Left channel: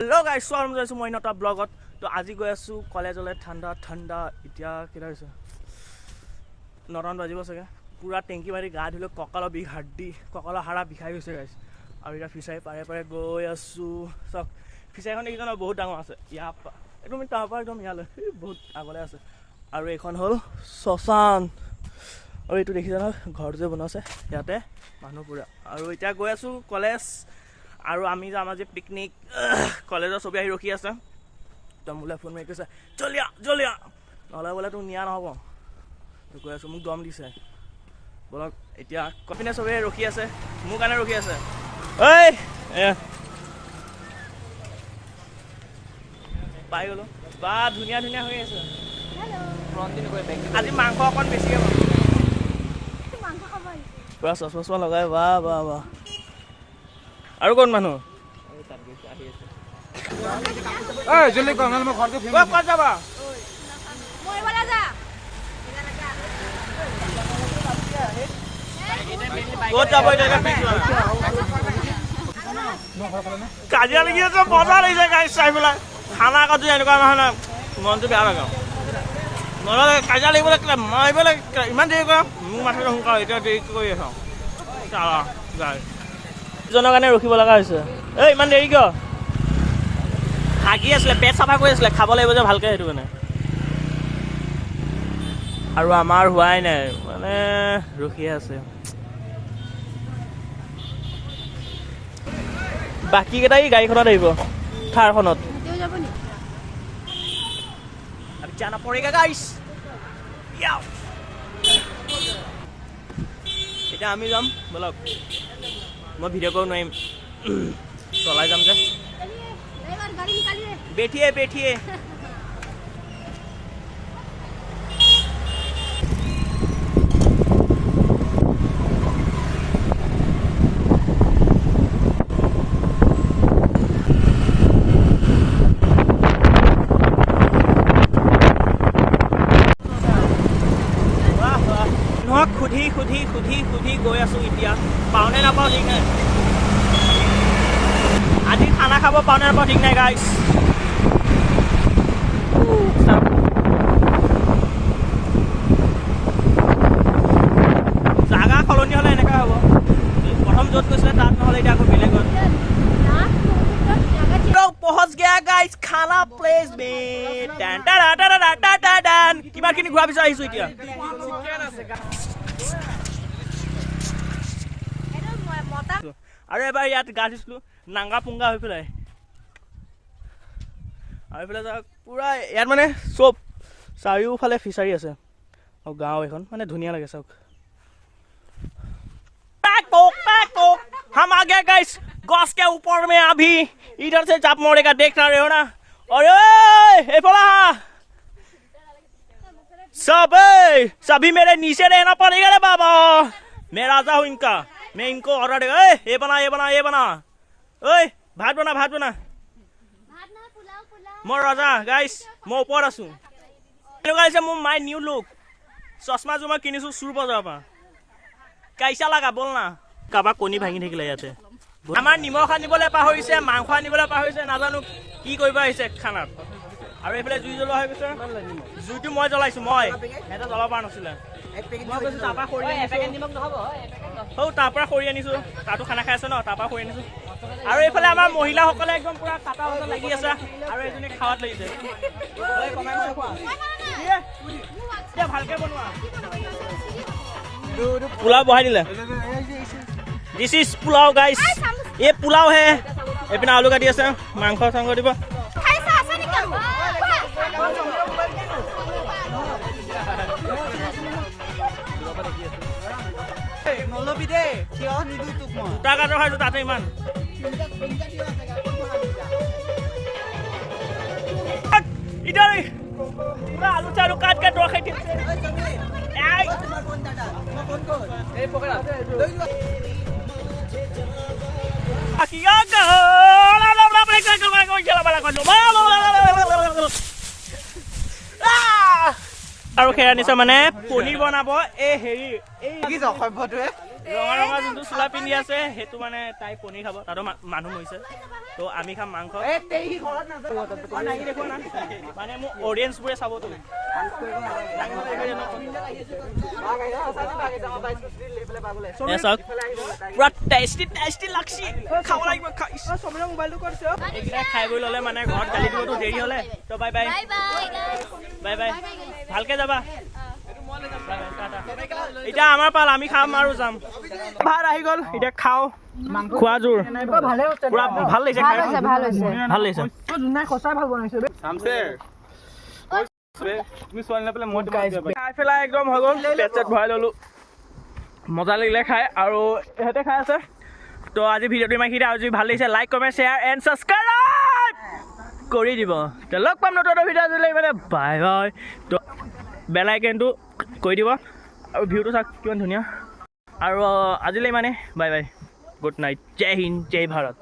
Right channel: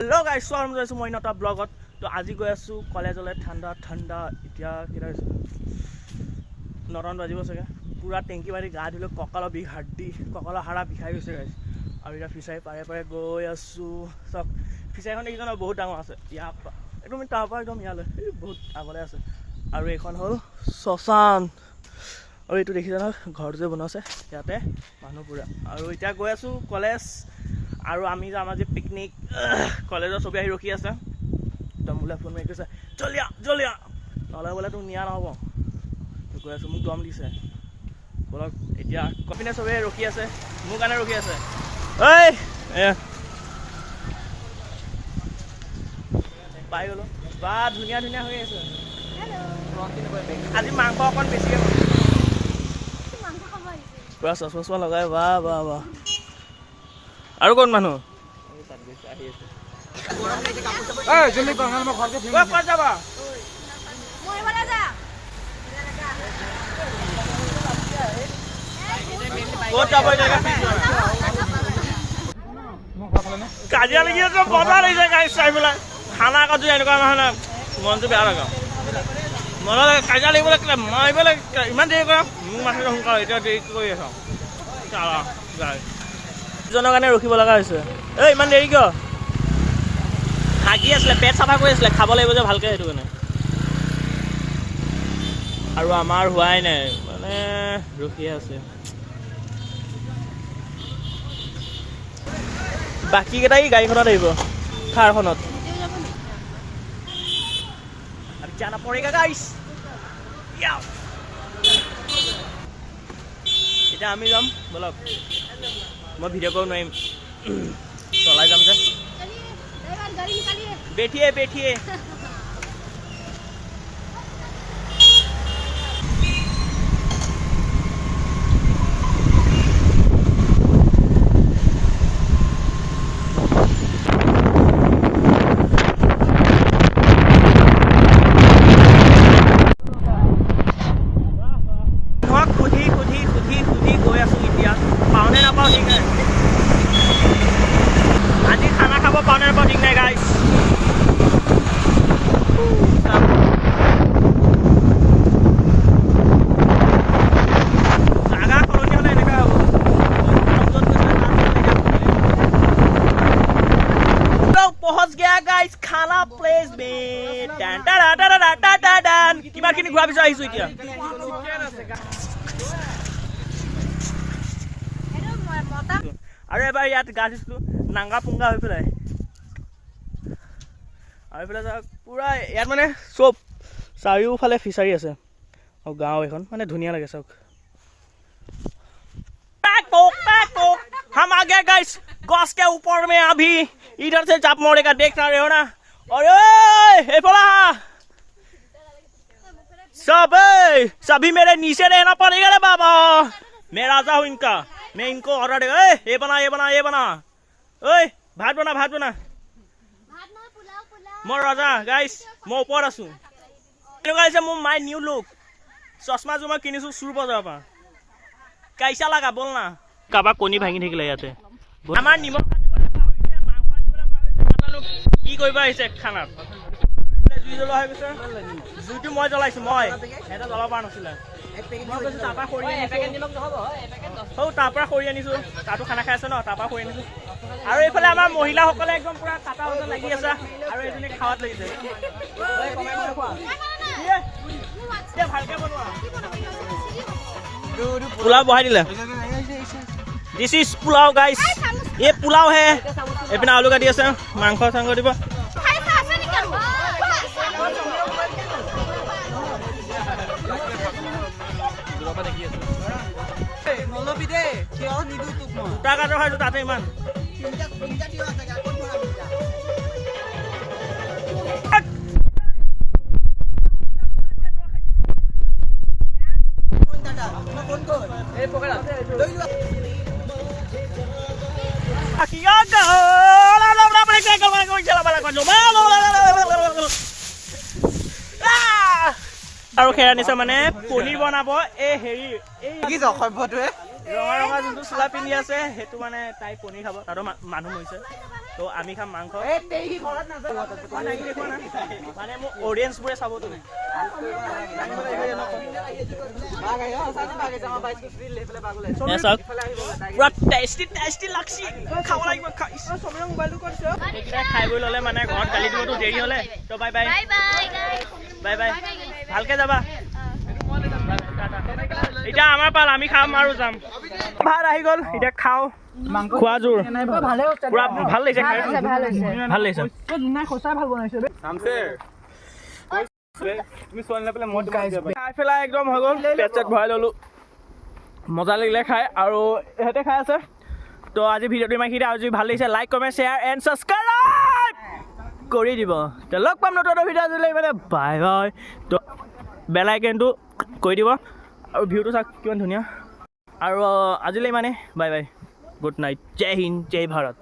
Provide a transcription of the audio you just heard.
hello guys स्वागत কৰিছো মই নটা ব্লগত তো আজি গৈ আছো কলেজলৈ ঠাণ্ডা ঠাণ্ডা এতিয়া কিটা হৈছে 9টা বাজিব চাগে পুৰা টেংকি মাৰি গা ধুলে কঁকালৰ বিষ হাড়ি কঁকালৰ হাড়া বিষাই গৈছে গাইস আৰু এটা ফিচাই পাৰে পাৰে গৈ আছো সক ফিচাইখন দেখিছ না বহুত ডাঙৰ আছে ইয়াৰ একদম তাৰ পৰা একদম ইয়ালৈ বহুত আগলৈ আছে আৰু এখন হল শশান আৰু এইটো দেখিছ না ঘৰ যে বনাইছে ইয়াতে মানুহ পুৰা আৰু এতিয়া গৈ আছো কলেজ আৰু আমি যাম আজি পিকনিক কলেজৰ সবে আহি ৰখি আছে তো মোলে ফোন মাৰি কৈছে জলিয়া নহলে বোলে তোক নিয়া নহ'ব তো কৈ আছো মোক দম দিছে বলক এতিয়া কপিনে সবে ৰখি আছে মোৰ কাৰণে ৰখি আছে ঐ পাই গলো বা ধুনীয়া ধুনীয়া হৈ আছে আজি মাংস অকণ বেছিকে পাম পুৰা চচমা লগাই বা আৰু কোন মানুহ ক'ত যাবা ক'ত যাব কাজিয়া লাগি আছে মজা লাগিছে গাড়ী চাই পেলাই খানা আকৌ যদি এনেকুৱা নহয় না মনটো বেয়া লাগে মজা লাগে কাজিয়া লাগিবলৈ মাৰিবলৈ ইমান দেৰি কৰা মোক মাথাটো সোনকালে এতিয়া দেৰি কৰি আছ জনৰ কাৰণে ৰখিব লগা হৈছে এই ইমান দেৰি কিয় হাগি আছিলে পেট চাফা কৰি আছিলে খাব লাগিব যে ভালকে সেইটো কাৰণে আৰু আমাৰ হোৱাই নাই মানে ৰখিয়ে আছে বাকী কেইটাই গাড়ীখনত আহিব থাৰখনত আৰু জানা পৰেগা গাইছ এতিয়া আমি যাম বলক मैं वीडियो को नहीं चला जाम से बैठिए खुदी गई आसो इतना पाने नापाओ ठीक है आज खाना खाब पाने नापाओ ठीक नहीं गाइस जागा सलनी हले एने हम जो मिले पहुंच गया गाइस खाना प्लेस में किमान खिनि घुरा पिछा आइसु इतना আৰু এবাৰ ইয়াত গা ধুইছিলো নাংগা পুংগা হৈ পেলাই আৰু এইফালে পুৰা ইয়াত মানে চব চাৰিওফালে ফিচাৰী আছে আৰু গাঁও এখন মানে ধুনীয়া লাগে চাওক हम आ गए गाइस गॉस के ऊपर में अभी इधर से चाप मोड़ेगा देख रहे हो ना अरे हे बोला सभी मेरे नीचे रहना पड़ेगा रे बाबा मैं राजा हूँ इनका मैं इनको ऑर्डर देगा ये बना ओए भात बना मैं राजा गाइस मैं ऊपर आसू गाइस मैं माय न्यू लुक चश्मा जो मैं किनिसु सुर बजार पा कैसा लगा बोल ना काबा कोनी भांगी থাকিলে ইয়াতে আমাৰ নিমখ আনিবলৈ পাহৰিছে মাংস আনিবলৈ পাহৰিছে নাজানো কি কৰিব আহিছে খানাত আৰু এইফালে জুই জ্বলোৱা হৈ গৈছে জুইটো মই জ্বলাইছো মই এটা জ্বলাব পৰা নাছিলে মই কৈছো তাপা খৰি আনিছো হৌ তাপা খৰি আনিছো তাতো খানা খাই আছে ন তাপা খৰি আনিছো আৰু এইফালে আমাৰ মহিলাসকলে একদম পুৰা কাটা বজা লাগি আছে আৰু এজনী খাৱাত লাগিছে এই কমাই মই খোৱা কি ভালকে বনোৱা पुलाव बहाई दिले दिस इज पुलाव गाइस ये पुलाव है एपिना आलू काटी আছে মাংস সাংগ দিব মনোবিদে কিয় নিদু তুক মই টাকা তো খাইছো তাতে ইমান ইদারে পুরা আলু চালু কাট কাট রাখাই দিছে এই পকেট আৰু খেৰা নিচা মানে পনীৰ বনাব এই হেৰি এই ৰঙা ৰঙা যোনটো চোলা পিন্ধি আছে সেইটো মানে তাই পনীৰ খাব তাতো মানুহ মৰিছে তো তো আমি খাম মাংস দেখুৱা না মানে মোৰ অডিয়েঞ্চবোৰে চাবতো পুৰা টেষ্টি টেষ্টি লাগছি খাব লাগিব এইকেইটা খাই বৈ ল'লে মানে ঘৰত গালি দিবতো দেৰি হ'লে তো বাই বাই বাই বাই ভালকে যাবা এতিয়া আমাৰ পাল আমি খাম আৰু যাম ভাত আহি গ'ল এতিয়া খাওঁ খোৱা জোৰ পুৰা ভাল লাগিছে খাই ভাল লাগিছে খাই পেলাই একদম হৈ গ'ল পেট চেট ভৰাই ল'লোঁ মজা লাগিলে খাই আৰু ইহঁতে খাই আছে তো আজি ভিডিঅ'টো ইমান খিনি আৰু যদি ভাল লাগিছে like comment share and subscribe কৰি দিব তো লগ পাম নতুন ভিডিঅ' আজিলৈ মানে বাই বাই তো বেল আইকনটো কৰি দিব আৰু ভিউটো চাওক কিমান ধুনীয়া আৰু আজিলৈ মানে বাই বাই গুড নাইট জয় হিন্দ জয় ভাৰত